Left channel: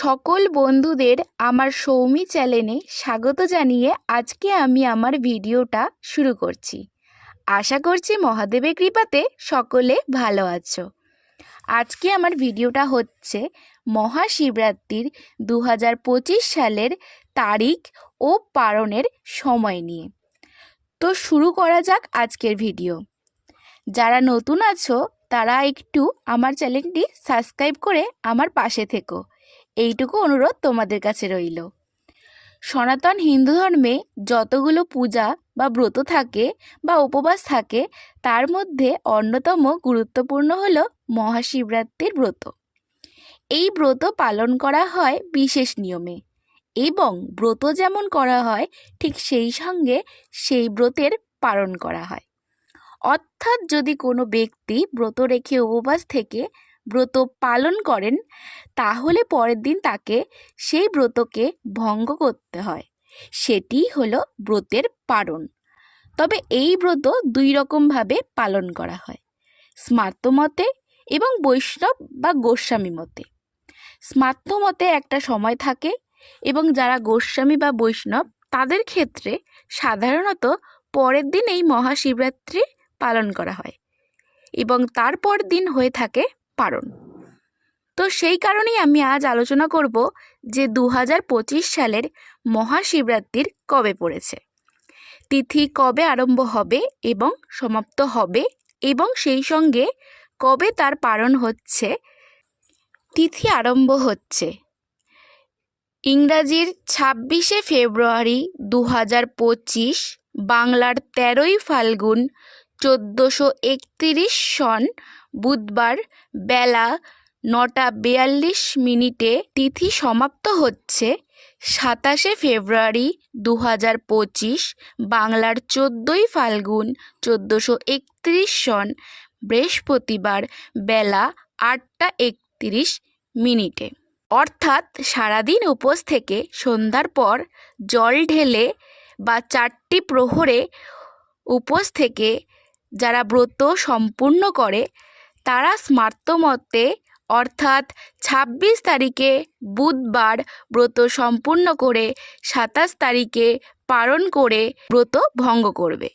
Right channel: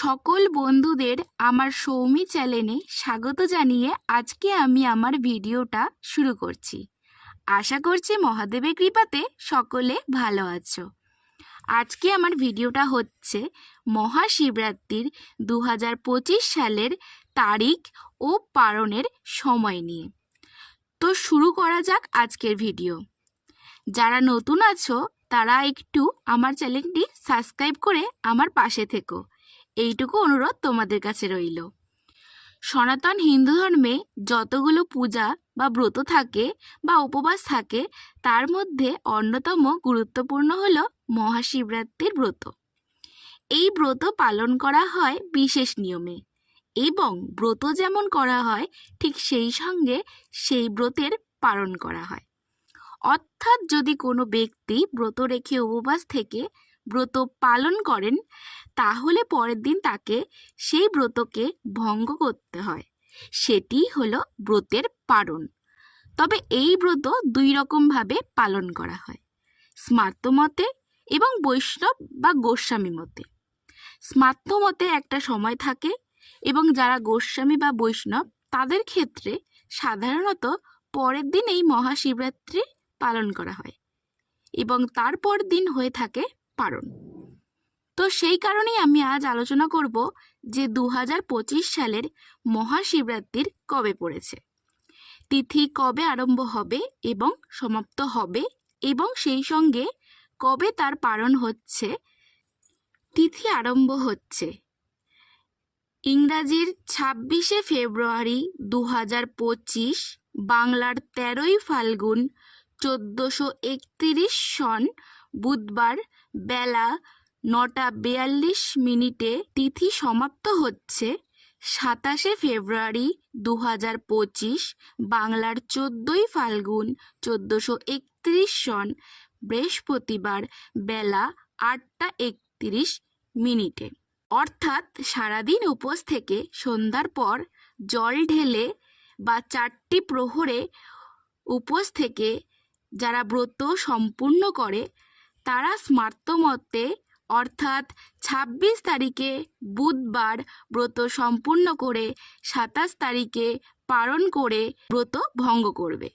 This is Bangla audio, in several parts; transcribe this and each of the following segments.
সকল বন্ধুদের আমার সৌমি চ্যানেলে স্বাগত জানিয়ে আজকে আমি আমার ভিডিওটা শুরু করছি। আশা করছি মহাদেবের কৃপাতে সকলে ভালো আছো। আজকে আমার ভিডিওটা হচ্ছে মহাশিবরাত্রির 2025 সালের তারিখ ও পালনের সময় নিয়ে। তো শুরু করা যাক আজকের ভিডিও। যারা নতুন আছো তারা একটু আমার চ্যানেলটি সাবস্ক্রাইব করে আমার পাশে থেকো, এইটুকু অনুরোধ তোমাদের কাছে রইল। সনাতন হিন্দু ধর্মে যতগুলো পূজা বা ব্রত থাকে বা উপবাস থাকে তার মধ্যে অন্যতম গুরুত্বপূর্ণ হলো মহাশিবরাত্রির ব্রত। এই ব্রত পালন করা হয় বিশেষ নিয়মে, এবং ব্রত যেমন করা হয় ঠিক সেই সঙ্গে সেই ব্রতের পালন করা হয়। অর্থাৎ যদি কোনো ব্যক্তি ব্রত রেখে উপবাস থেকে ব্রত পালন করেন তাহলে পরের দিন তাকে সেই ব্রতকে ভঙ্গ করতে হয়, সেটি হলো ব্রতের পালন। তবে এই ব্রত দুই রকমভাবে পালন করা হয়, স্মার্ত মতে এবং বৈষ্ণব বা গোস্বামী মতে। স্মার্ত মতে একটা সময় থাকে, এবং যারা গোস্বামী বা বৈষ্ণব তাদের ক্ষেত্রে সাধারণত পরের দিন এই মহাশিবরাত্রি পালন করা হয় এবং তারপর দিন হয়ে থাকে পারণ। তো সেই কারণেই আমি আজ আলোচনা করব যে 2025 সালের মহাশিবরাত্রির কবে পড়েছে, তিথি কবে আরম্ভ হবে এবং সমাপ্ত হবে, এবং সেই সঙ্গে কবে তার পালন হচ্ছে। তিথি আরম্ভ হচ্ছে ইংরাজির 26শে ফেব্রুয়ারি 2025, বাংলার 13ই ফাল্গুন 1431 সন বুধবার বেলা 9:42। তিথি সমাপ্ত হচ্ছে 27শে ফেব্রুয়ারি 2025, বাংলার 14ই ফাল্গুন 1431 সন বৃহস্পতিবার বেলা 8:31। অর্থাৎ সারাদিন উপোস থেকে সন্ধ্যার পর জল ঢেলে বা 4টি প্রহরে উপোস থেকে যারা ব্রত সম্পূর্ণ করে তারা স্মার্ত মতে অর্থাৎ 26 তারিখে বুধবার ব্রত সম্পূর্ণ করে 27 তারিখে পালন করে ব্রত ভঙ্গ করবে।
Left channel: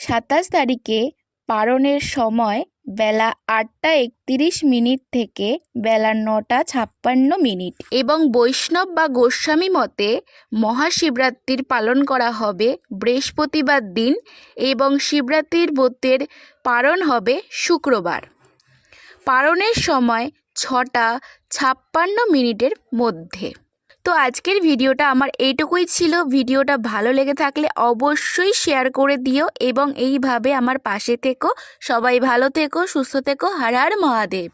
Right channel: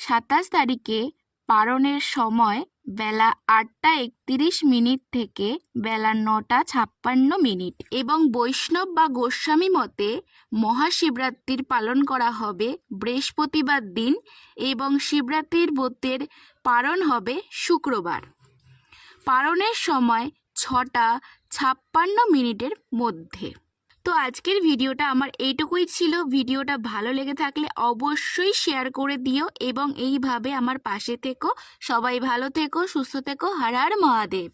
27 তারিখে পালনের সময় বেলা 8:31 থেকে বেলা 9:56। এবং বৈষ্ণব বা গোস্বামী মতে মহাশিবরাত্রির পালন করা হবে বৃহস্পতিবার দিন, এবং শিবরাত্রির ব্রতের পালন হবে শুক্রবার। পালনের সময় 6:56 মধ্যে। তো আজকের ভিডিওটা আমার এইটুকুই ছিল। ভিডিওটা ভালো লেগে থাকলে অবশ্যই শেয়ার করে দিও এবং এইভাবে আমার পাশে থেকো। সবাই ভালো থেকো, সুস্থ থেকো। হর হর মহাদেব।